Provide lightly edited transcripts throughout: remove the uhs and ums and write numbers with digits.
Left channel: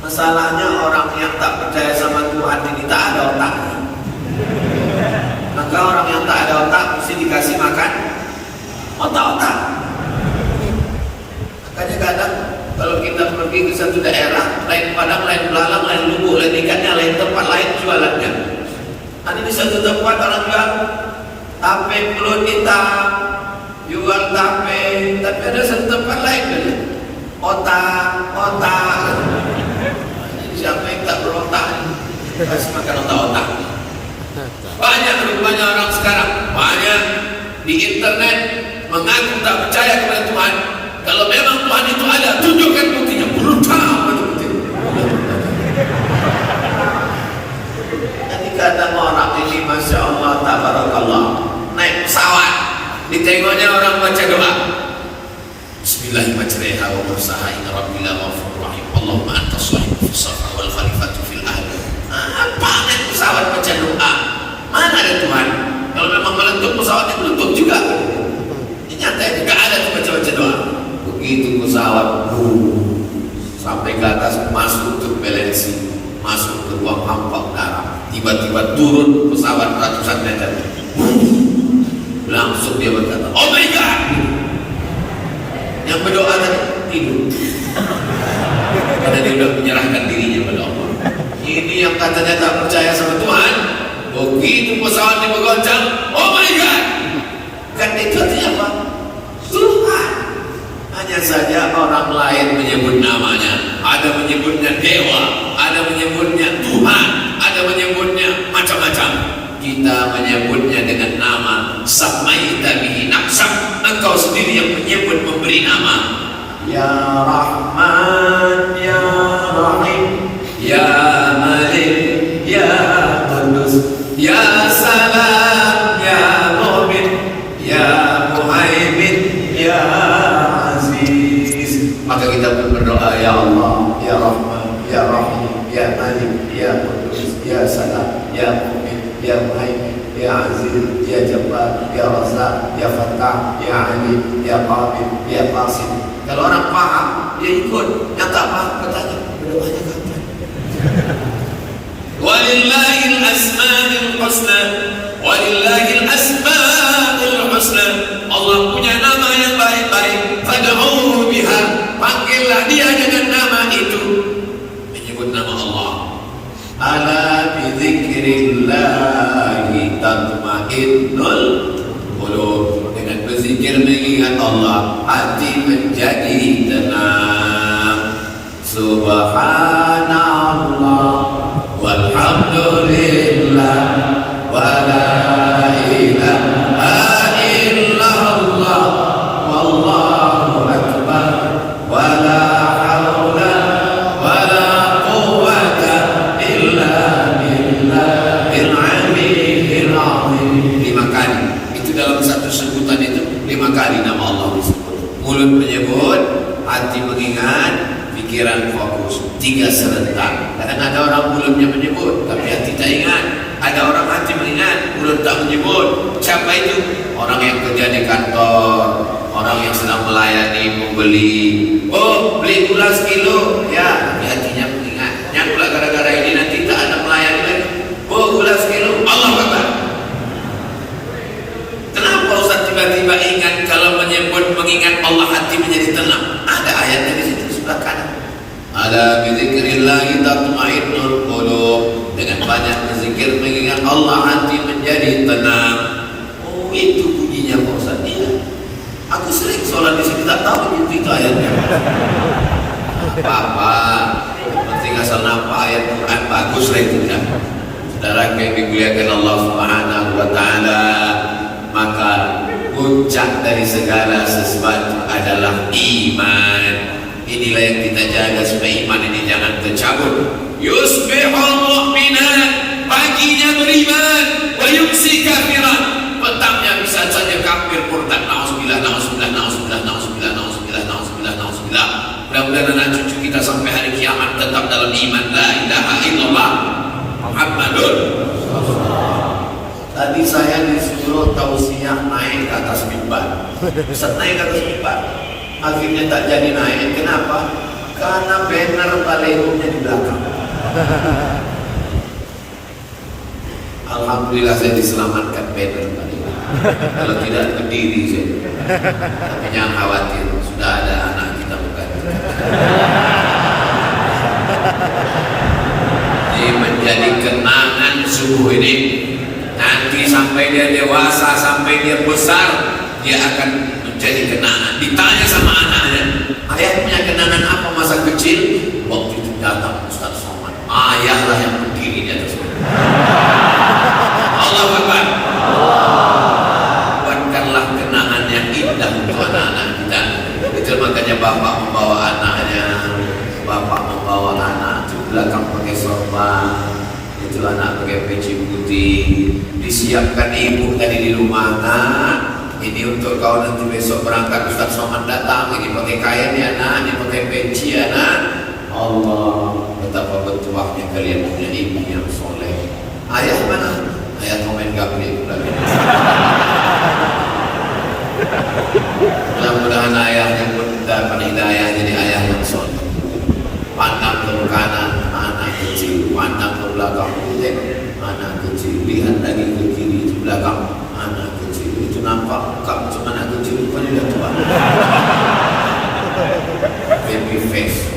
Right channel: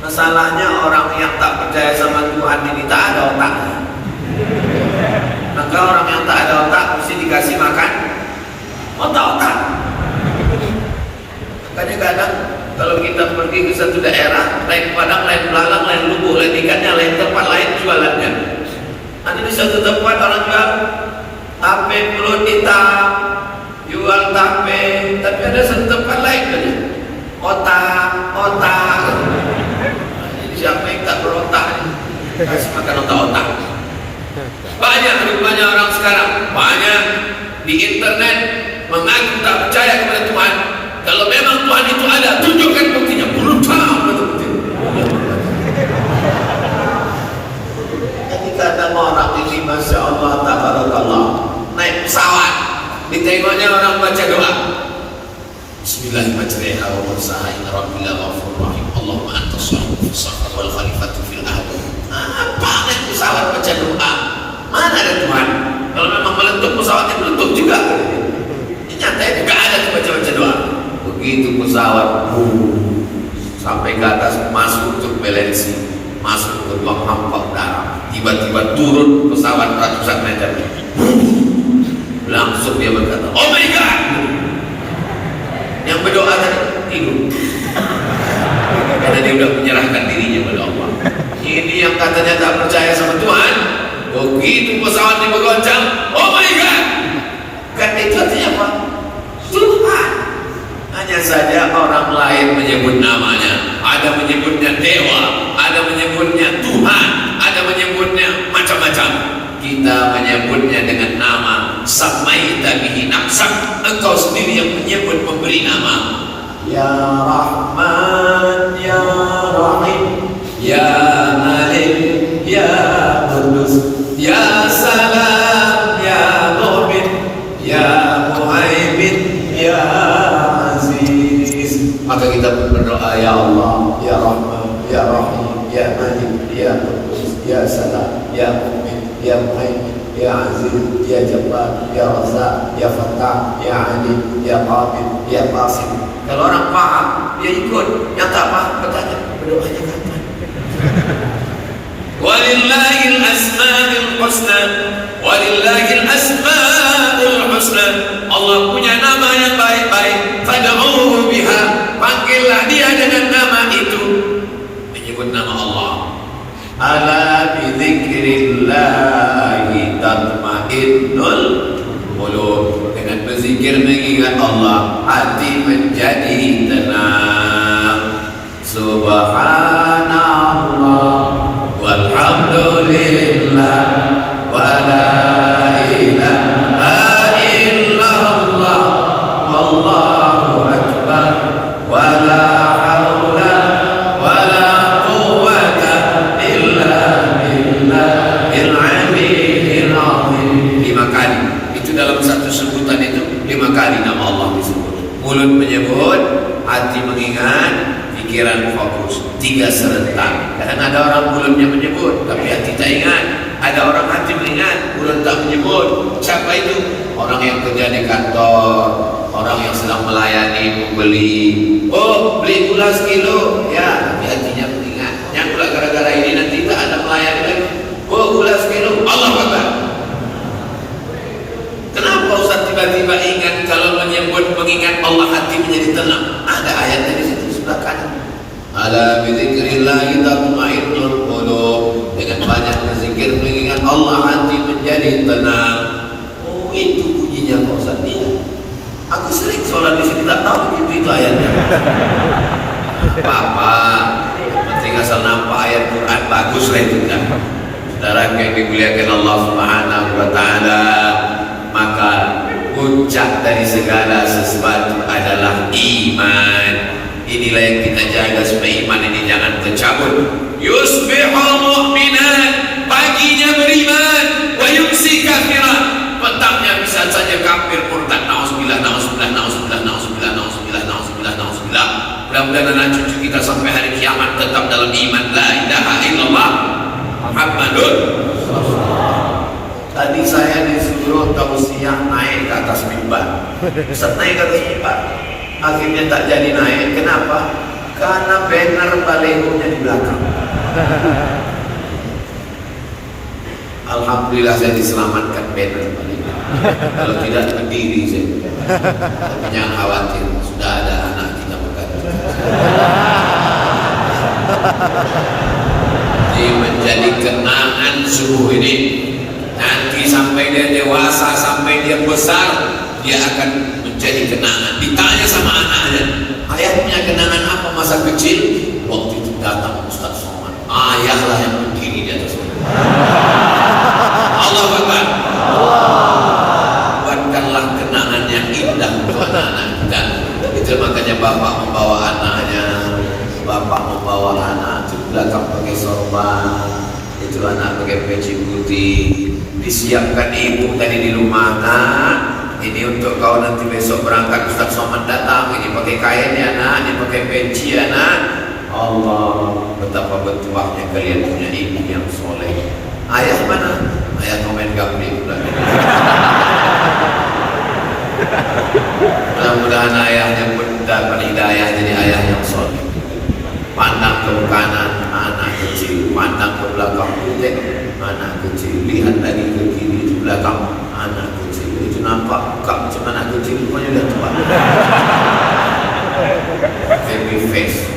Masalahnya orang yang tak percaya sama Tuhan ini tak ada otaknya. Maka orang yang tak ada otak mesti dikasih makan otak-otak. Makanya kadang kalau kita pergi ke satu daerah, lain Padang, lain Belalang, lain Lubu, lain ikannya, lain tempat lain jualannya. Ada di satu tempat orang bilang tape belut hitam, jual tape, tapi ada satu tempat lain kan, otak. Jadi siapa yang tak berotak, kasih makan otak-otak. Banyak orang sekarang, banyak di internet mengaku tak percaya kepada Tuhan. Kalau memang Tuhan itu ada, tunjukkan buktinya. Brutal betul-betul. Jadi kadang orang ini, Masya Allah, tabarakallah, naik pesawat, ditengoknya orang baca doa. Bismillahirrahmanirrahim. Wa mursaha inna rabbila ghafurur rahim. Allahumma anta sahibul fisaqah wal khalifatu fil ahli. Apa naik pesawat baca doa? Mana ada Tuhan? Kalau memang meletup, pesawatnya meletup juga. Nyatanya gak ada tuh baca-baca doa. Begitu pesawat sampai ke atas, masuk turbulensi, masuk ke ruang hampa udara, tiba-tiba turun pesawat ratusan meter, langsung dia berkata, oh my God. Yang berdoa kan tidur, karena dia sudah menyerahkan dirinya kepada Allah. Ini yang katanya tak percaya sama Tuhan, begitu pesawat dia bergoncang, oh my God. Kan itu artinya apa? Tuhan. Hanya saja orang lain menyebut namanya, ada menyebutnya dewa, ada menyebutnya Tuhan, ada menyebutnya macam-macam. Kita menyebutnya dengan nama Samaita bihi nafsak. Engkau sendiri yang menyebut, memberi nama. Ya Rahman, Ya Rahim, Ya Malik, Ya Qudus, Ya Salam, Ya Mu'min, Ya Muhaimin, Ya Aziz. Maka kita pun berdoa, Ya Allah, Ya Rahman, Ya Rahim, Ya Malik, Ya Qudus, Ya Salam, Ya Mu'min, Ya Muhaimin, Ya Aziz, Ya Jabbar, Ya Razak, Ya Fattah, Ya Alim, Ya Qadir, Ya Qasim. Kalau orang paham, dia ikut. Yang tak paham bertanya, berdoanya kapan? Walillahil asma'ul husna, walillahil asma'ul husna. Allah punya nama yang baik-baik. Fad'uhu biha, panggillah dia dengan nama itu. Menyebut nama Allah. Ala bizikrillahi tatma'innul qulub. Dengan berzikir mengingat Allah, hati menjadi tenang. Subhanallah walhamdulillah wa la ilaha illallah wallahu akbar wa la haula wa la quwwata illa billahil aliyyil azim. 5 kali itu dalam satu sebutan itu, 5 kali nama Allah disebut. Mulut menyebut, hati mengingat, pikiran fokus, 3 serentak. Karena ada orang mulutnya menyebut tapi hati tak ingat, ada orang hati mengingat, mulut tak menyebut. Siapa itu? Orang yang kerja di kantor, orang yang sedang melayani pembeli. Oh, beli gula sekilo, ya, tapi hatinya mengingat. Yang gula gara-gara ini nanti tak ada melayani lagi. Oh, gula sekilo, Allah kata. Kenapa Ustaz tiba-tiba ingat? Kalau menyebut mengingat Allah, hati menjadi tenang. Ada ayatnya di situ sebelah kanan. Ala bizikrillahi tatma'innul qulub. Dengan banyak berzikir mengingat Allah, hati menjadi tenang. Oh, itu bunyinya Pak Ustaz. Iya. Aku sering sholat di situ, tak tahu itu ayatnya. Apa? Penting asal nampak ayat Quran, bagus lah itu kan. Saudara yang dimuliakan Allah Subhanahu wa taala, maka puncak dari segala sesuatu adalah iman. Inilah yang kita jaga supaya iman ini jangan tercabut. Yusbihul mu'minan, paginya beriman, wa yumsi kafiran, petangnya bisa saja kafir murtad. Nauzubillah, nauzubillah, nauzubillah, nauzubillah, nauzubillah, nauzubillah, nauzubillah. Mudah-mudahan anak cucu kita sampai hari kiamat tetap dalam iman la ilaha illallah Muhammadun. Tadi saya disuruh tausiah naik ke atas mimbar. Ustaz, naik ke atas mimbar, akhirnya tak jadi naik. Kenapa? Karena banner balehonya di belakang. Alhamdulillah saya diselamatkan banner baleho. Kalau tidak berdiri saya. Jangan khawatir, sudah ada anak kita mengganti. Ini menjadi kenangan subuh ini. Nanti sampai dia dewasa, sampai dia besar, dia akan menjadi kenangan. Ditanya sama anaknya, ayah punya kenangan apa masa kecil? Waktu itu datang Ustaz Somad. Ayah lah yang berdiri di atas. Allah Akbar. Buatkanlah kenangan yang indah untuk anak-anak kita. Itu makanya bapak membawa anaknya, bapak membawa anak itu belakang pakai sorban, itu anak pakai peci putih. Disiapkan ibu tadi di rumah, nah ini untuk kau nanti besok berangkat Ustaz Somad datang, ini pakai kainnya nak, ini pakai peci ya nak. Allah, betapa bertuahnya kalian punya ibu yang soleh. Ayah mana? Ayah komen gambling. Mudah-mudahan ayahnya pun dapat hidayah jadi ayah yang soleh. Pandang ke kanan, anak kecil. Pandang ke belakang, anak kecil. Lihat lagi ke kiri, di belakang, anak kecil. Itu nampak bukan cuma anak kecil, rupanya dia tua. Baby face.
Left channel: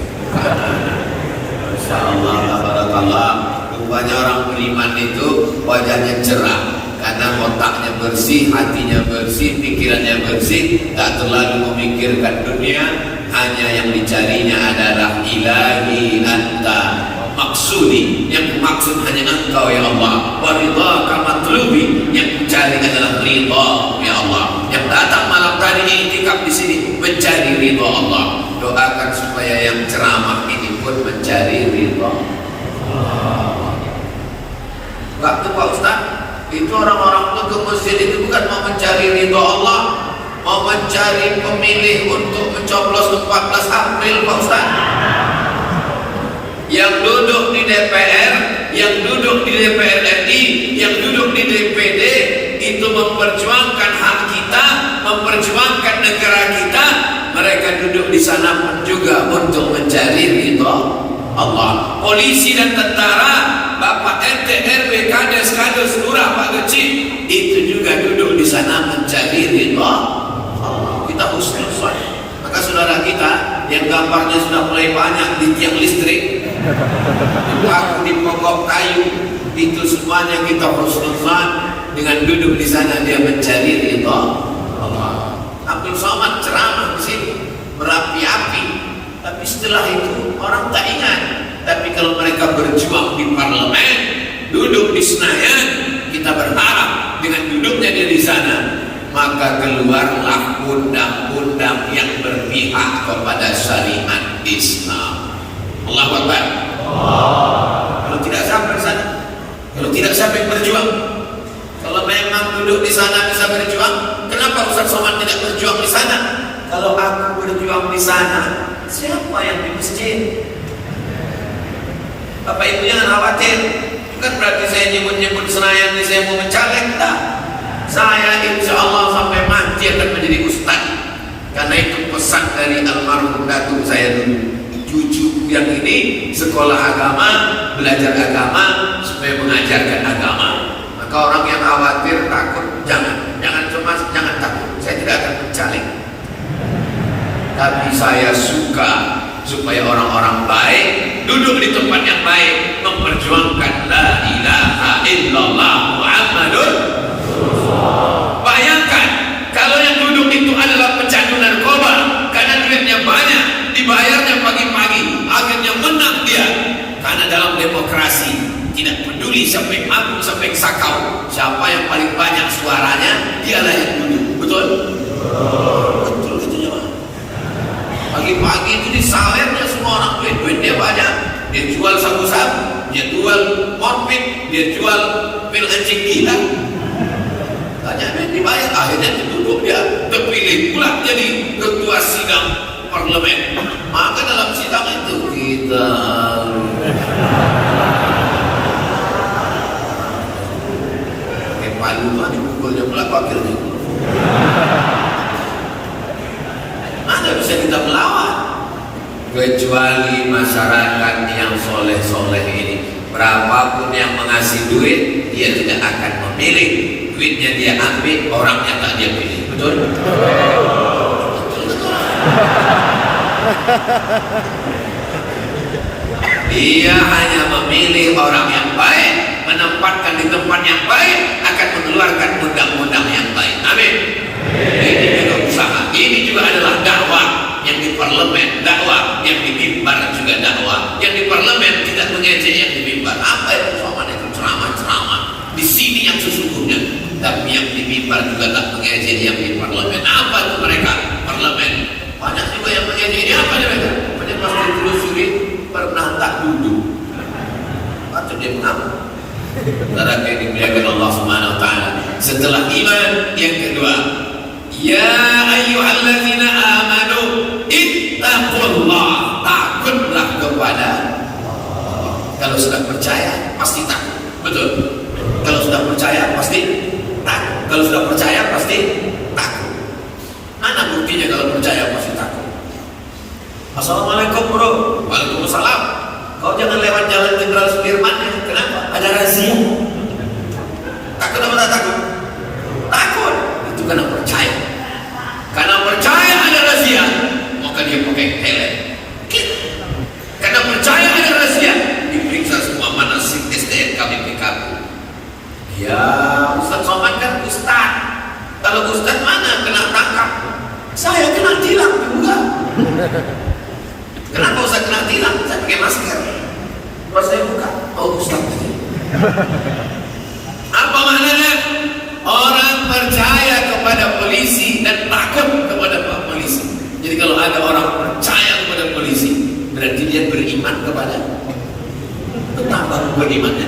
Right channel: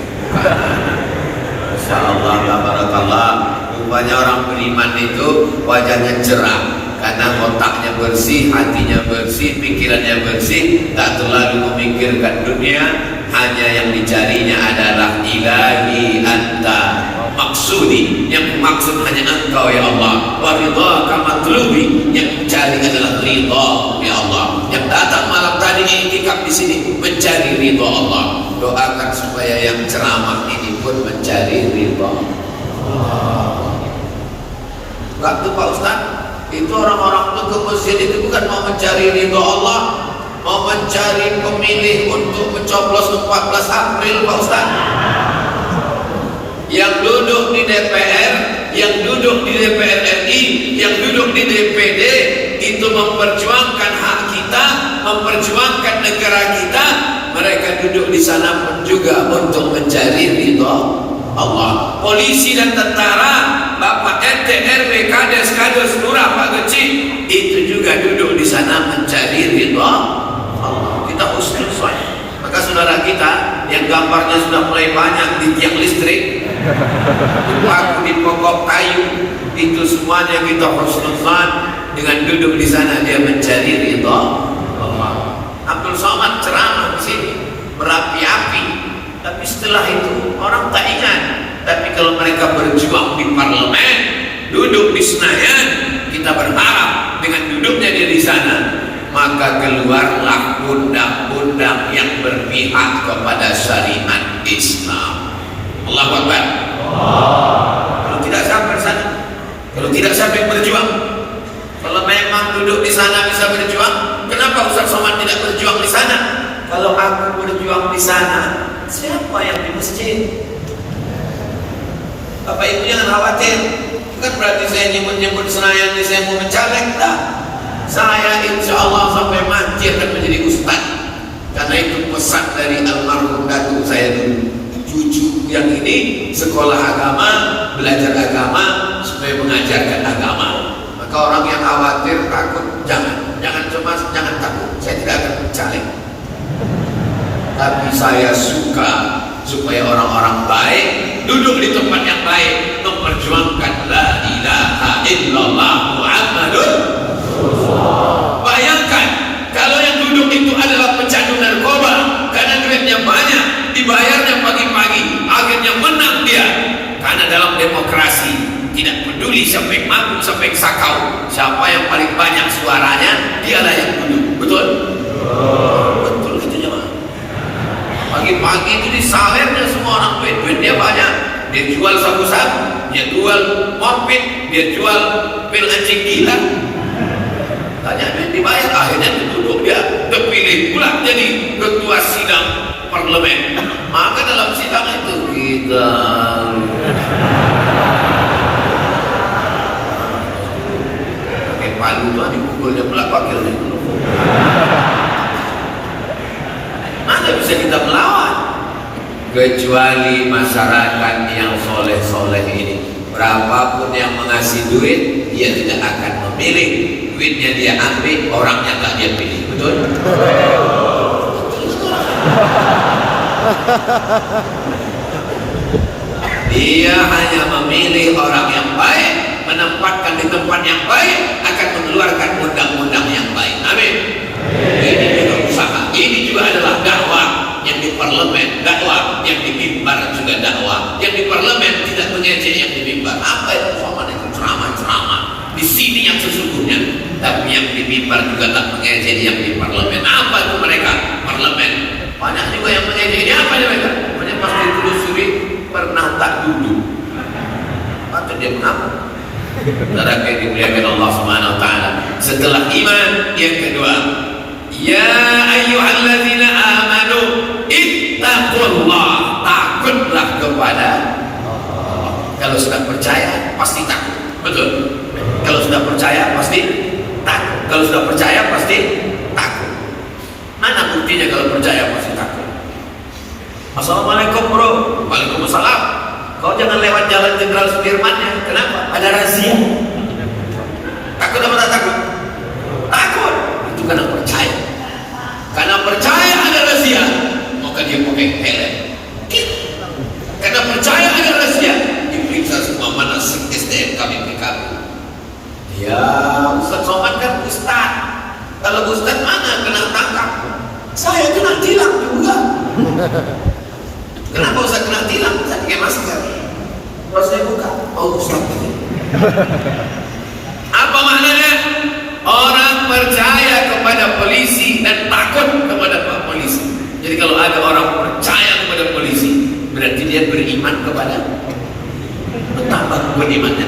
Masya Allah, tabarakallah. Rupanya orang beriman itu wajahnya cerah. Karena otaknya bersih, hatinya bersih, pikirannya bersih, tak terlalu memikirkan dunia, hanya yang dicarinya adalah ilahi anta maksudi, yang maksud hanya engkau ya Allah, wa ridhaka matlubi, yang mencari adalah ridha ya Allah. Yang datang malam tadi i'tikaf di sini mencari ridha Allah. Doakan supaya yang ceramah ini pun mencari ridha Allah. Enggak tuh Pak Ustaz, itu orang-orang itu ke masjid itu bukan mau mencari ridha Allah, mau mencari pemilih untuk mencoblos 14 April Pak Ustaz. Yang duduk di DPR, yang duduk di DPR RI, yang duduk di DPD itu memperjuangkan hak kita, memperjuangkan negara kita. Mereka duduk di sana pun juga untuk mencari ridha Allah. Polisi dan tentara, Bapak RT, RW, kades, lurah, Pak Kecil, itu juga duduk di sana mencari ridha Allah. Kita husnuzon. Maka saudara kita yang gambarnya sudah mulai banyak di tiang listrik, di pokok kayu, itu semuanya kita husnuzon. Dengan duduk di sana dia mencari ridha Allah. Abdul Somad ceramah di sini berapi-api, tapi setelah itu orang tak ingat. Tapi kalau mereka berjuang di parlemen, duduk di Senayan, kita berharap dengan duduknya dia di sana, maka keluarlah undang-undang yang berpihak kepada syariat Islam. Allahu Akbar. Kalau tidak sampai sana, kalau tidak sampai berjuang, kalau memang duduk di sana bisa berjuang, kenapa Ustaz Somad tidak berjuang di sana? Kalau aku berjuang di sana, siapa yang di masjid? Bapak Ibu jangan khawatir. Bukan berarti saya nyebut-nyebut Senayan ini saya mau mencalek, tak. Saya insya Allah sampai mati akan menjadi ustaz. Karena itu pesan dari almarhum datuk saya dulu. Cucu yang ini sekolah agama, belajar agama, supaya mengajarkan agama. Maka orang yang khawatir, takut, jangan cemas, jangan takut. Saya tidak akan mencalek. Tapi saya suka supaya orang-orang baik duduk di tempat yang baik, memperjuangkan la ilaha illallah Muhammadur Rasulullah. Bayangkan kalau yang duduk itu adalah pecandu narkoba, karena duitnya banyak, dibayarnya pagi-pagi, akhirnya menang dia. Karena dalam demokrasi tidak peduli sampai mabuk sampai sakau, siapa yang paling banyak suaranya dialah yang duduk. Betul? Betul itu jemaah. Pagi-pagi itu disalirnya semua orang, duitnya banyak. Dia jual sabu-sabu, dia jual mobil, dia jual pil anjing gila. Tanya duit dibayar, akhirnya ditutup dia, terpilih pula jadi ketua sidang parlemen. Maka dalam sidang itu kita pakai palu lah, dipukulnya pula pakilnya. Mana bisa kita melawan? kecuali masyarakat yang soleh-soleh ini. Berapapun yang mengasih duit, dia tidak akan memilih. Duitnya dia ambil, orangnya tak dia pilih. Betul? Dia hanya memilih orang yang baik, menempatkan di tempat yang baik, akan mengeluarkan undang-undang yang baik. Amin. Ini juga usaha. Ini juga adalah dakwah. Yang di parlemen dakwah, yang di mimbar juga dakwah, yang di parlemen tidak mengejek yang di mimbar. Apa itu sama dengan ceramah-ceramah di sini yang sesungguhnya, tapi yang di mimbar juga tak mengejek yang di parlemen. Apa itu mereka? Parlemen banyak juga yang mengejek. Ini apa mereka? Mereka pasti telusuri pernah tak dulu atau dia mengaku. Saudara yang dimuliakan Allah Subhanahu wa taala. Setelah iman, yang kedua, ya ayyuhalladzina amanu ittaqullah, takutlah kepada Allah. Kalau sudah percaya pasti takut. Betul. Kalau sudah percaya pasti takut. Kalau sudah percaya pasti takut. Mana buktinya kalau percaya pasti takut? Assalamualaikum bro. Waalaikumsalam. Kau jangan lewat jalan Jenderal Sudirman ya. Kenapa? Ada razia. Takut apa tak takut? Takut. Itu karena percaya. Karena percaya ada razia, maka dia pakai helm. Karena percaya ada razia, diperiksa semua manasik SDN KPPK. Ya, Ustaz Somad kan Ustaz. Kalau Ustaz mana kena tangkap? Saya kena tilang juga. Kenapa Ustaz kena tilang? Saya pakai masker. Pas saya buka, oh Ustaz. Apa maknanya? Orang percaya kepada polisi dan takut kepada polisi. Jadi kalau ada orang percaya kepada polisi, berarti dia beriman kepada, bertambah berimannya.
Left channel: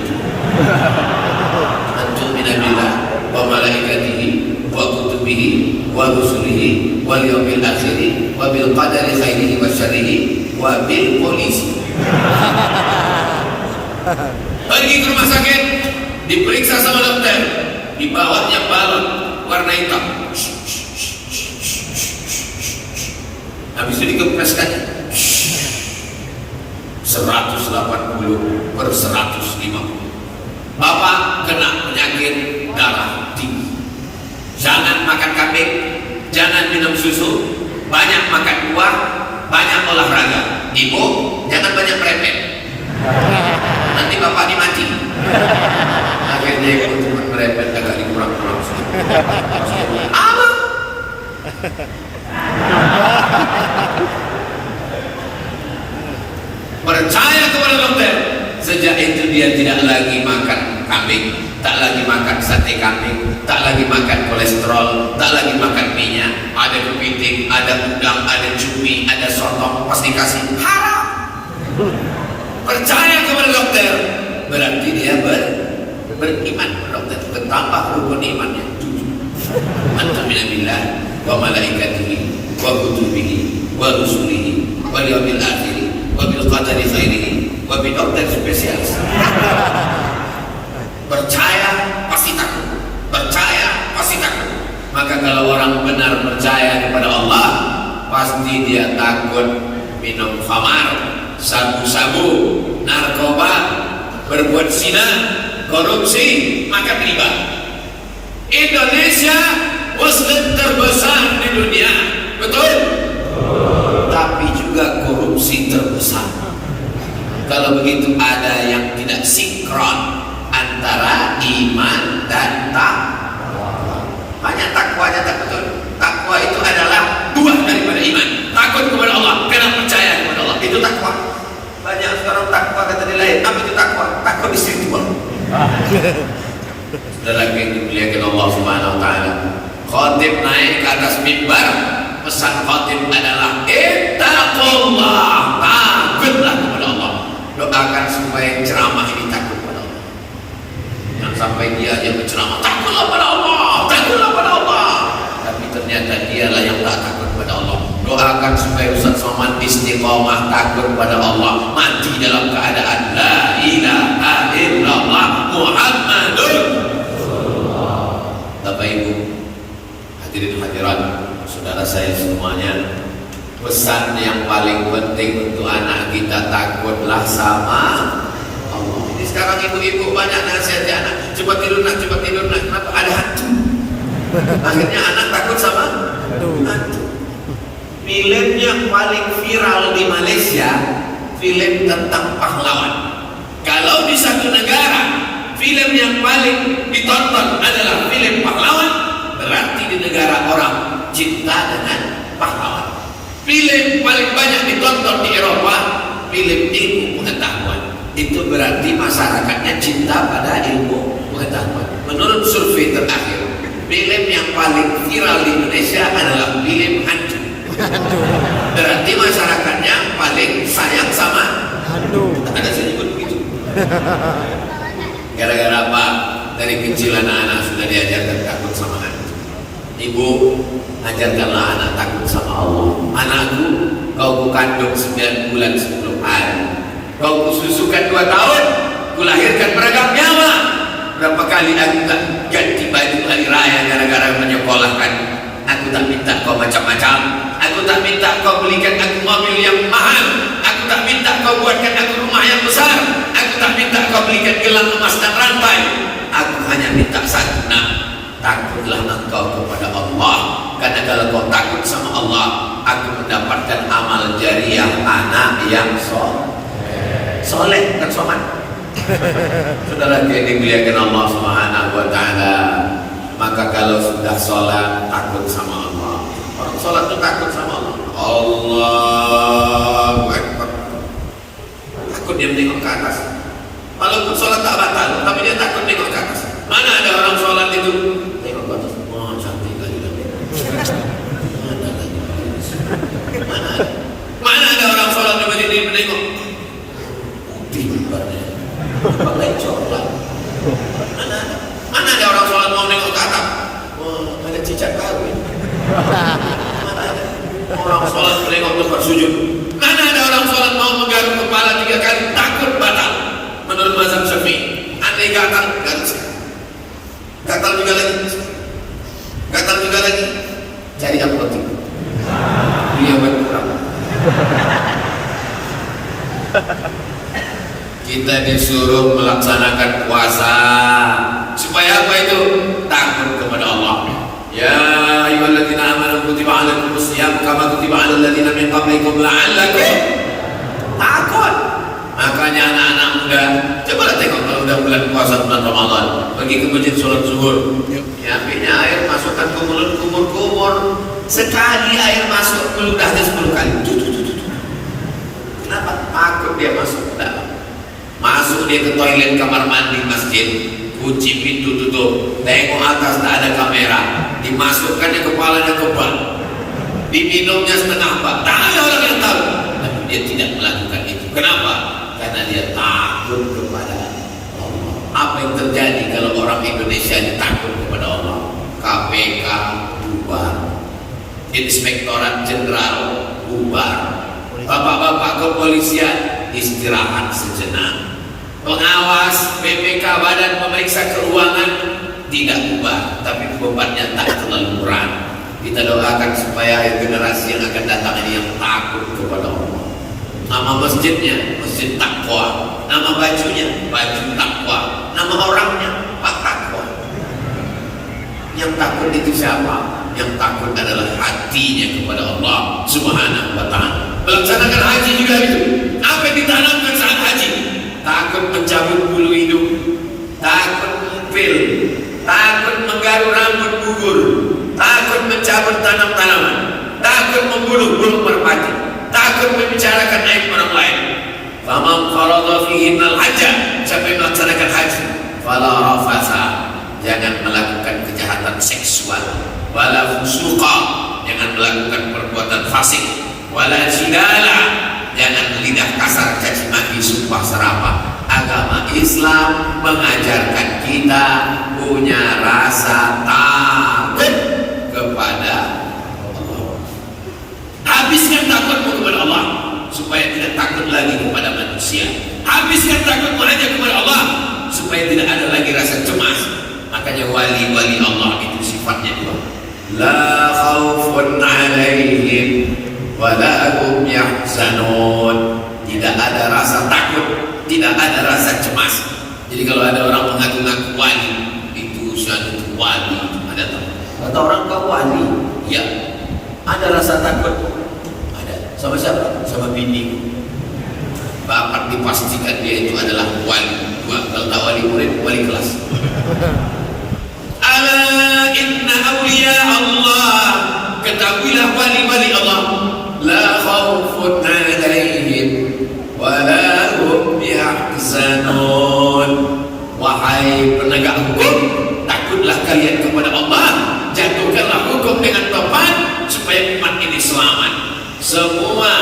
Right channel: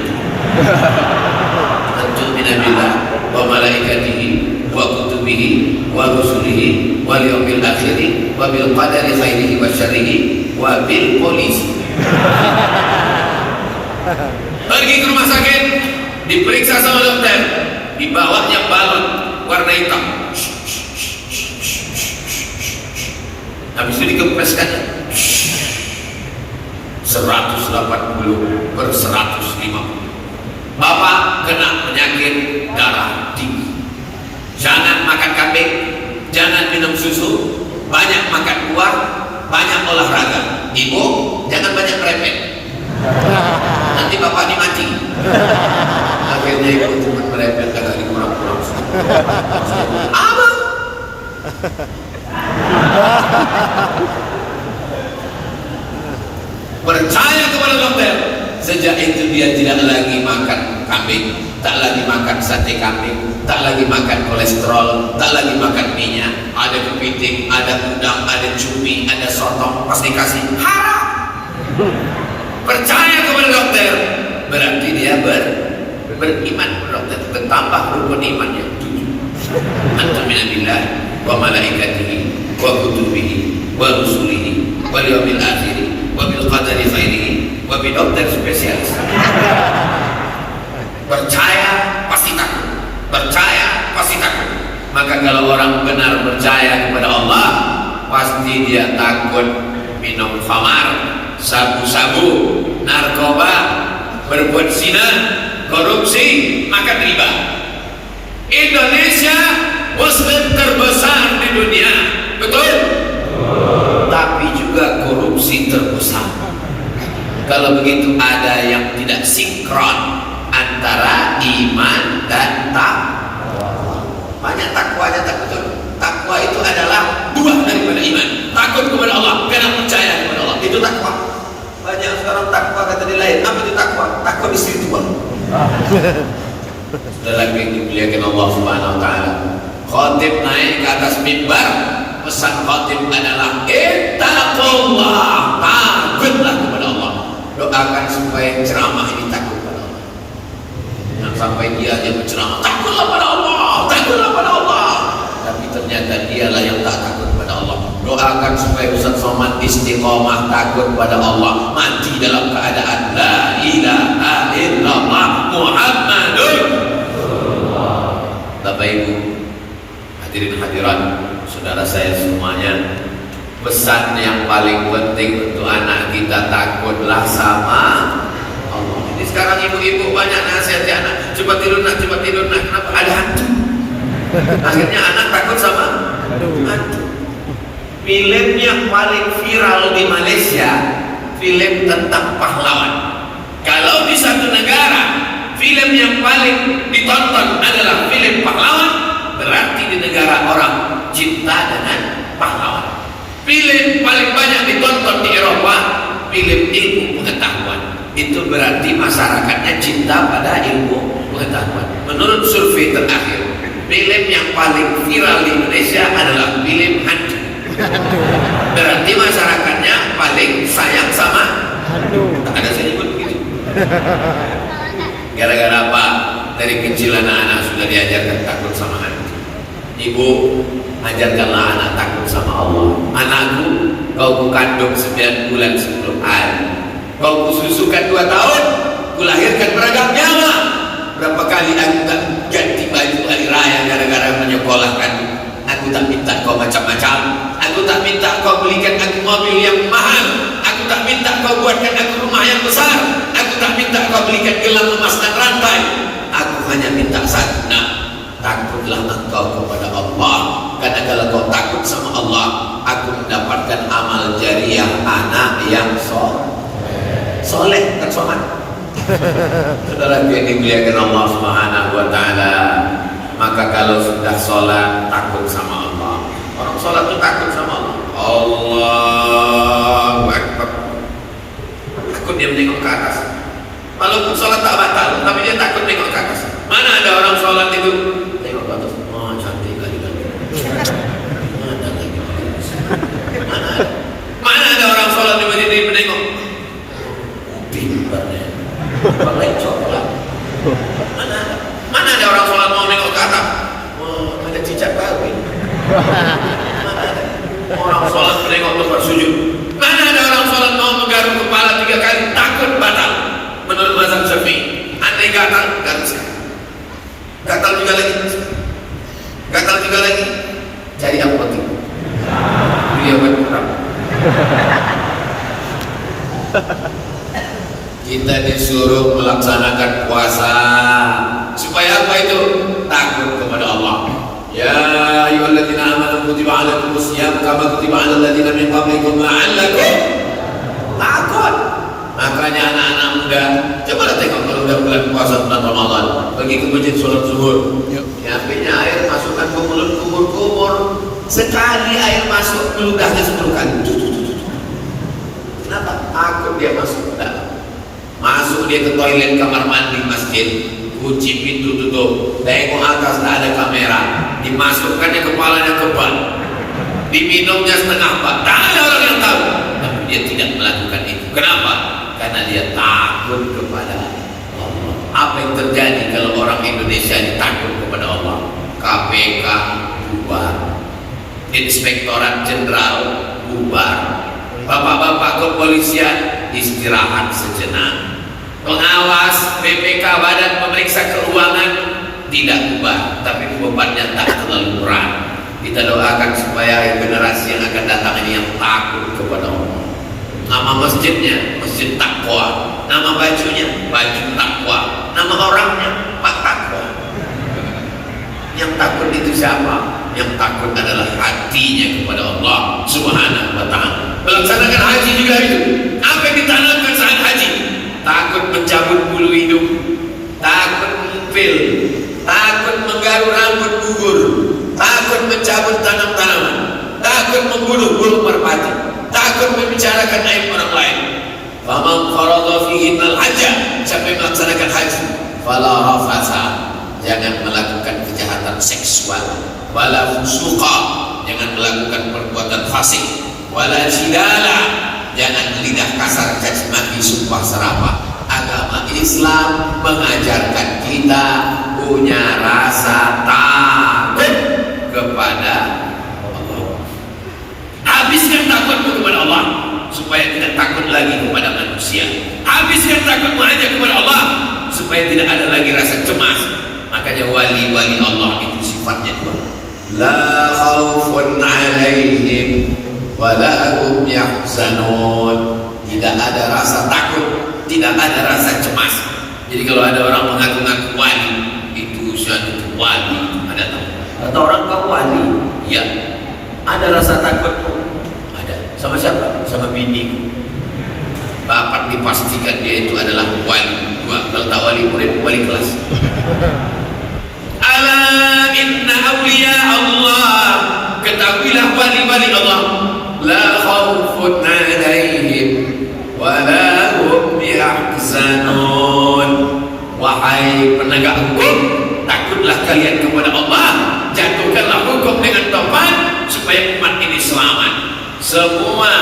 Antum minabillah wa malaikatihi wa kutubihi wa rusulihi wal yawmil akhir wa bil qadari khairihi wa syarrihi wa bil polisi. Pergi ke rumah sakit, diperiksa sama dokter, di bawahnya balon warna hitam. Habis itu dikempreskan 180 per 150. Bapak kena penyakit darah tinggi. Jangan makan kambing, jangan minum susu, banyak makan buah, banyak olahraga. Ibu, jangan banyak merepek. Nanti bapak dimati. Akhirnya kalau cuma merepek agak dikurang-kurang. Apa? Percaya kepada dokter. Sejak itu dia tidak lagi makan kambing, tak lagi makan sate kambing, tak lagi makan kolesterol, tak lagi makan minyak. Ada kepiting, ada udang, ada cumi, ada sotong, pasti kasih haram. Percaya kepada dokter, berarti dia beriman kepada dokter, bertambah rukun imannya 7. Antum billah wa malaikatihi wa kutubihi wa rusulihi wal yawmil akhir wa bil qadari khairihi wa bi dokter spesialis. Percaya pasti takut, percaya pasti takut. Maka kalau orang benar percaya kepada Allah, pasti dia takut minum khamar, sabu-sabu, narkoba, berbuat zina, korupsi, makan riba. Indonesia muslim terbesar di dunia, betul? Tapi juga korupsi terbesar. Kalau begitu ada yang tidak sinkron antara iman dan takwa. Banyak takwanya tak betul. Takwa itu adalah buah daripada iman. Takut kepada Allah karena percaya kepada Allah, itu takwa. Banyak sekarang takwa kata dia lain. Apa itu takwa? Takwa spiritual. Dalam itu dimuliakan Allah Subhanahu wa taala. Khatib naik ke atas mimbar, pesan khatib adalah ittaqullah, takutlah kepada Allah. Doakan supaya ceramah ini takut kepada Allah. Dan sampai dia berceramah, takutlah pada Allah, takutlah pada Allah. Tapi ternyata dialah yang tak takut kepada Allah. Doakan supaya Ustaz Somad istiqamah takut pada Allah, mati dalam keadaan la ilaha illallah Muhammadur Rasulullah. Bapak Ibu, hadirin hadirat, saudara saya semuanya, pesan pesan yang paling penting untuk anak kita, takutlah sama Allah. Ini sekarang ibu-ibu banyak nasihat anak, coba tidur nak, kenapa ada hantu? Akhirnya anak takut sama hantu. Film yang paling viral di Malaysia, film tentang pahlawan. Kalau di satu negara film yang paling ditonton adalah film pahlawan, berarti di negara orang cinta dengan pahlawan. Film paling banyak ditonton di Eropa, film ilmu pengetahuan. Itu berarti masyarakatnya cinta pada ilmu pengetahuan. Menurut survei terakhir, film yang paling viral di Indonesia adalah film hantu. Berarti masyarakatnya paling sayang sama hantu. Ada sini pun begitu. Gara-gara apa? Dari kecil anak-anak sudah diajarkan takut sama hantu. Ibu, ajarkanlah anak takut sama Allah. Anakku, kau kandung 9 bulan sebelum hari, kau kususukan 2 tahun, kulahirkan beragam nyawa. Berapa kali aku tak ganti baju hari raya gara-gara menyekolahkan. Aku tak minta kau macam-macam. Aku tak minta kau belikan aku mobil yang mahal. Aku tak minta kau buatkan aku rumah yang besar. Aku tak minta kau belikan gelang emas dan rantai. Aku hanya minta satu, nak, takutlah engkau kepada Allah. Karena kalau kau takut sama Allah, aku mendapatkan amal jariah anak yang soleh dan soman. Saudara yang dimuliakan Allah Subhanahu wa taala, maka kalau sudah sholat takut sama Allah. Orang sholat itu takut sama Allah. Allahu Akbar. Takut dia menengok ke atas. Walaupun sholat tak batal, tapi dia takut menengok ke atas. Mana ada orang sholat itu tengok ke atas, oh cantik kali kan. Mana lagi? Mana ada orang sholat juga dia menengok. Pintarnya. Pakai coklat. Mana ada orang sholat mau nengok ke atas? Oh, ada cicak baru ini. Orang sholat menengok tempat sujud. Mana ada orang sholat mau menggaruk kepala 3 kali, takut batal. Menurut mazhab Syafi'i, andai gatal juga lagi, cari apotek. Dia berkurang. Kita disuruh melaksanakan puasa supaya apa itu? Takut kepada Allah. Ya ayyuhalladzina amanu kutiba 'alaikumus shiyam kama kutiba 'alal ladzina min qablikum la'allakum takut. Makanya anak-anak muda, cobalah tengok kalau udah bulan puasa bulan Ramadan, pergi ke masjid sholat zuhur. Nyiapinnya air, masukkan ke mulut, kumur-kumur. Sekali air masuk ke ludahnya 10 kali. Kenapa? Takut dia masuk ke dalam. Masuk dia ke toilet kamar mandi masjid, kunci pintu tutup, tengok atas tak ada kamera, dimasukkannya kepalanya ke ban, diminumnya setengah ban, tak ada orang yang tahu. Tapi dia tidak melakukan itu. Kenapa? Karena dia takut kepada Allah. Apa yang terjadi kalau orang Indonesia ini takut kepada Allah? KPK bubar, Inspektorat Jenderal bubar, bapak-bapak kepolisian istirahat sejenak, pengawas BPK Badan Pemeriksa Keuangan tidak bubar, tapi bebannya tak terlalu berat. Kita doakan supaya generasi yang akan datang ini yang takut kepada Allah. Nama masjidnya Masjid Taqwa, nama bajunya baju takwa, nama orangnya Pak Takwa. Yang takut itu siapa? Yang takut adalah hatinya kepada Allah Subhanahu wa ta'ala. Melaksanakan haji juga itu. Apa yang ditanamkan saat haji? Takut mencabut bulu hidung, takut mempil, takut menggaruk rambut gugur, takut mencabut tanam-tanaman, takut membunuh burung merpati, takut membicarakan aib orang lain. Faman farada fihinal hajja, siapa yang melaksanakan haji, fala rafasa, jangan melakukan kejahatan seksual, wala fusuqa, jangan melakukan perbuatan fasik, wala jidala, jangan lidah kasar, caci maki, sumpah serapah. Agama Islam mengajarkan kita punya rasa takut kepada Allah. Habiskan takutmu kepada Allah supaya tidak takut lagi kepada manusia. Habiskan takutmu aja kepada Allah supaya tidak ada lagi rasa cemas. Makanya wali-wali Allah itu sifatnya dua. La khaufun alaihim wala hum yahzanun. Tidak ada rasa takut, tidak ada rasa cemas. Jadi kalau ada orang mengaku-ngaku wali, itu usianya itu wali, ada tahu? Kata orang kau wali, ya. Ada rasa takut? Ada. Sama siapa? Sama bini. Bapak dipastikan dia itu adalah wali. Kalau tak wali murid, wali kelas. Ala inna awliya Allah, ketahuilah wali-wali Allah, la khawfun alaihim wa la hum yahzanun. Wahai penegak hukum, takutlah kalian kepada Allah, jatuhkanlah hukum dengan tepat supaya umat ini selamat. Semua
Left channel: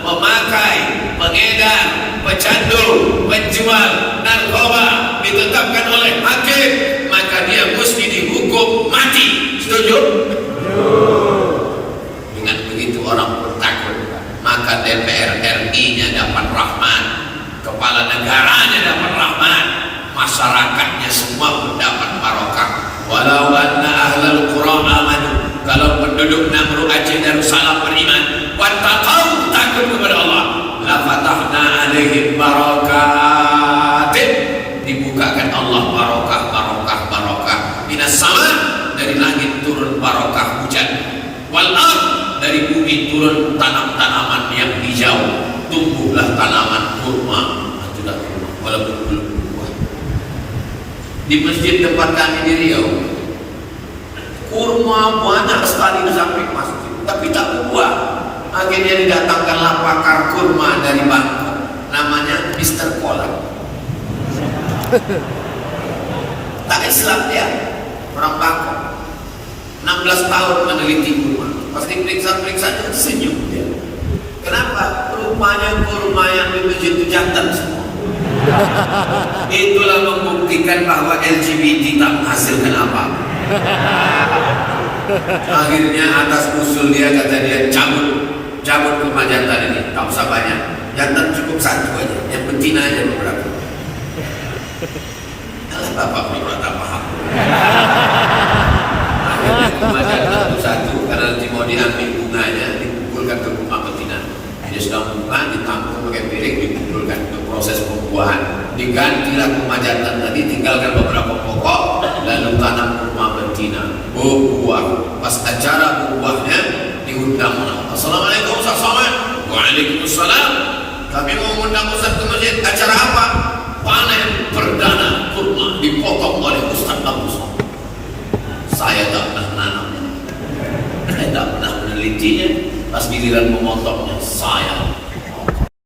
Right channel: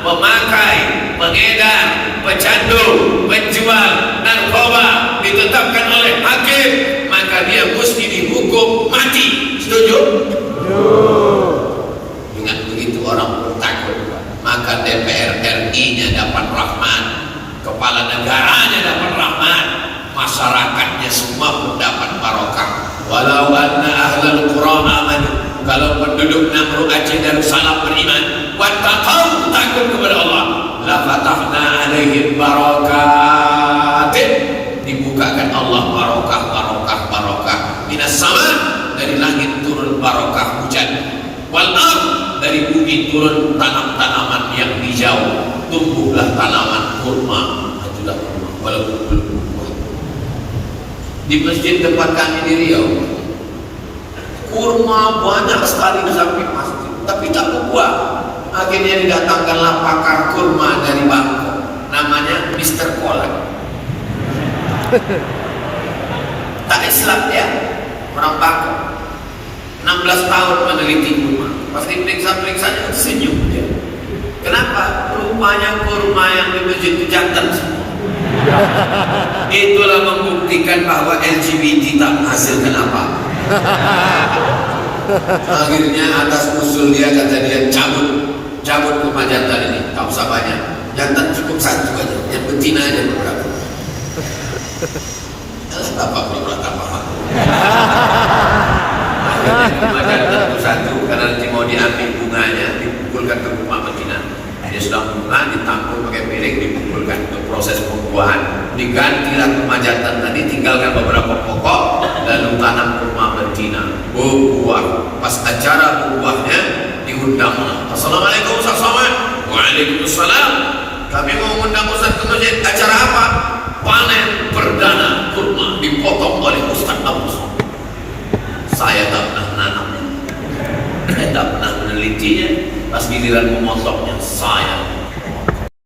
pemakai, pengedar, pecandu, penjual narkoba ditetapkan oleh hakim, maka dia mesti dihukum mati. Setuju? Dengan begitu orang pun takut, maka DPR RI-nya dapat rahmat, kepala negaranya dapat rahmat, masyarakatnya semua mendapat barokah. Walau anna ahlal Qur'an amanu, kalau penduduk Namru Aceh Darussalam beriman, wattaqau, takut kepada Allah, la fatahna alaihim barakatin, dibukakan Allah barokah minas sama, dari langit turun barokah hujan, wal ard, dari bumi turun tanam-tanaman yang hijau, tumbuhlah tanaman kurma, itulah kurma walaupun belum berbuah. Di masjid tempat kami di Riau, kurma banyak sekali di samping masjid, tapi tak berbuah. Akhirnya didatangkanlah pakar kurma dari Bangkok, namanya Mr. Kolak. Tak Islam ya, orang Bangkok, 16 tahun meneliti kurma. Pas diperiksa-periksa senyum dia. Kenapa? Rupanya kurma yang di masjid itu jantan semua. Itulah membuktikan bahwa LGBT tak menghasilkan apa. Akhirnya atas usul dia, kata dia, cabut rumah jantan ini, tak usah banyak. Jantan cukup satu aja, yang betina aja beberapa. Bapak belum tak paham. Rumah jantan itu satu, karena nanti mau diambil bunganya, dipukulkan ke rumah betina. Dia sudah bunga, ditampung pakai piring, dipukulkan untuk proses pembuahan. Digantilah rumah jantan tadi, tinggalkan beberapa pokok, lalu tanam rumah betina, berbuah. Pas acara buahnya diundang. Assalamualaikum Ustaz Somad. Waalaikumsalam. Kami mau mengundang Ustaz ke masjid. Acara apa? Panen perdana kurma dipotong oleh Ustaz Abu Somad. Saya tak pernah menanam, saya tak pernah menelitinya. Pas giliran memotongnya, saya